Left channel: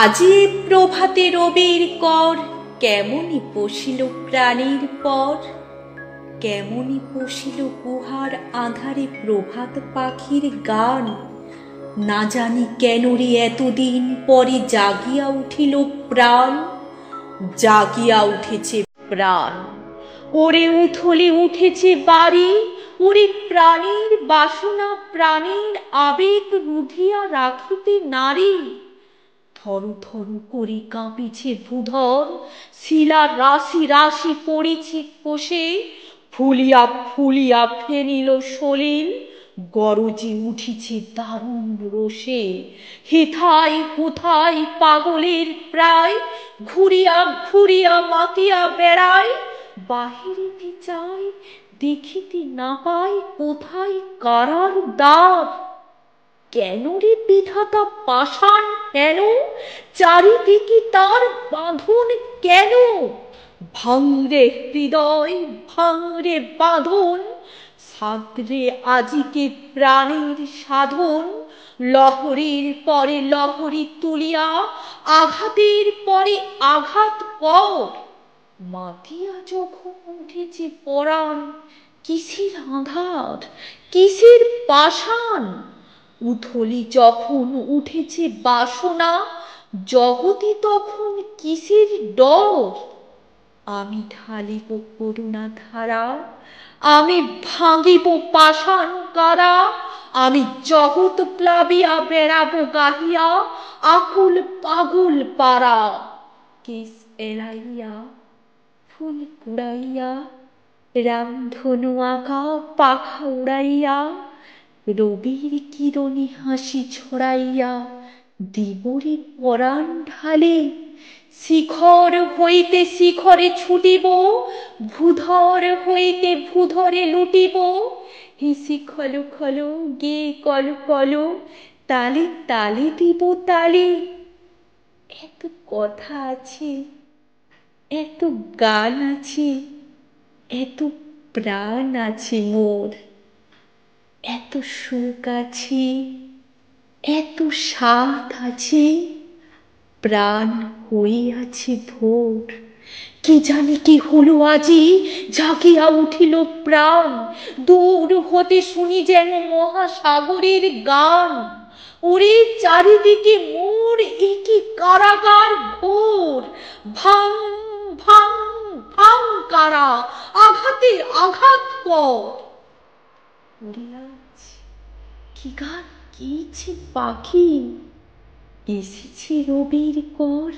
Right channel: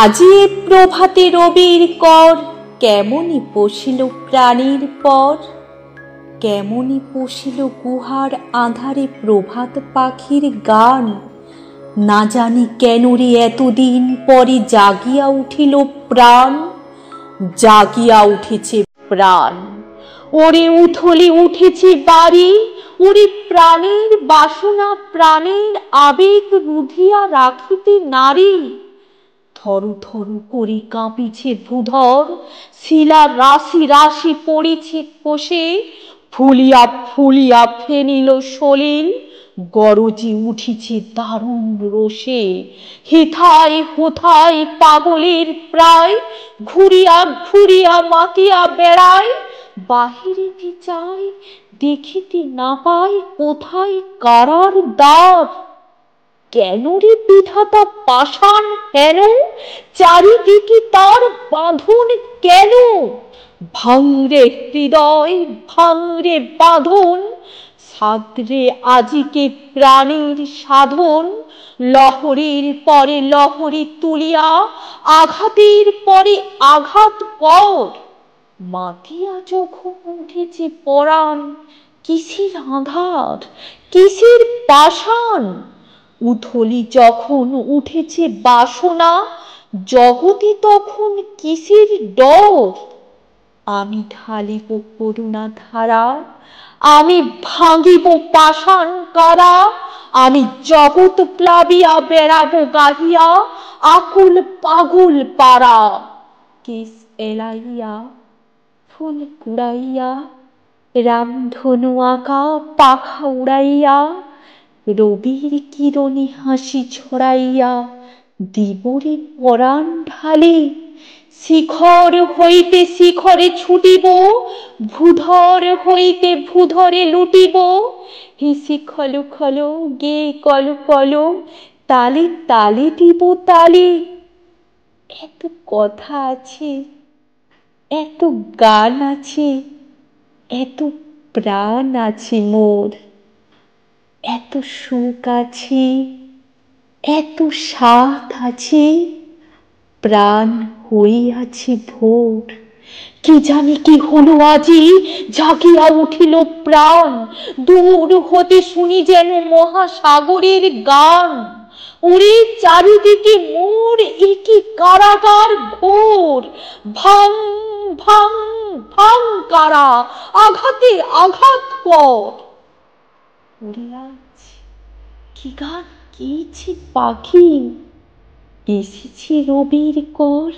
আজি এ প্রভাতে রবির কর, কেমনি পশিল প্রাণীর পর। কেমনি পশিল গুহার আঁধারে প্রভাত পাখির গান। না জানি কেন রে এতদিন পরে জাগিয়া উঠিল প্রাণ। জাগিয়া উঠেছে প্রাণ, ওরে উথলে উঠেছে বাড়ি। ওরে প্রাণীর বাসনা, প্রাণীর আবেগ রুধিয়া রাখিতে নারী। থরু থরু করে কাঁপিছে ভূধর, শিলা রাশি রাশি পড়েছে খসে। ফুলিয়া ফুলিয়া ফেনিল সলিল, গরজে উঠিছে দারুণ রোষে। হেথায় হোথায় পাগলের প্রায়, ঘুরিয়া ঘুরিয়া মাতিয়া বেড়ায়। বাহিরিতে চায়, দেখিতে না পায় কোথায় কারার দ্বার। কেন রে বিধাতা পাষাণ হেন, চারিদিকে তার বাঁধন কেন? ভাঙরে হৃদয়, ভাঙরে বাঁধন, সাদরে আজিকে প্রাণীর সাধন। লহরীর পরে লহরী তুলিয়া, আঘাতের পরে আঘাত কর। মাতিয়া যখন উঠেছে পরাণ, কিসের আঁধার, কিসের পাষাণ। উথলি যখন উঠেছে বাসনা, জগতে তখন কিসের ডর। আমি ঢালিব করুণা ধারা, আমি ভাঙিব পাষাণ কারা। আমি জগৎ প্লাবিয়া বেড়াবো গাহিয়া, আকুল পাগল পারা। কেশ এলাইয়া, ফুল কুড়াইয়া, রামধনু আঁকা পাখা উড়াইয়া। রবির কিরণে হাসি ছড়াইয়া, দিবরে পরাণ ঢালি। শিখর হইতে শিখরে ছুটিব, ভূধর হইতে ভূধরে লুটিব। হেসে খলো খলো, গেয়ে কলো কলো, তালে তালে দিব তালি। এত কথা আছে, এত গান আছে, এত প্রাণ আছে মোর। এত সুখ আছে, এত সাধ আছে, প্রাণ হইয়াছে ভোর। কি জানি কি হলো আজি, জাগিয়া উঠিল প্রাণ। দূর হতে শুনি যেন মহাসাগরের গান। ওরে চারিদিকে মোর একি কারাগার ঘোর। ভাঙ ভাঙ ভাঙ কারা, আঘাতে আঘাত কর। ওরে আজ কি গান গেয়েছে পাখি, এসেছে রবির কর।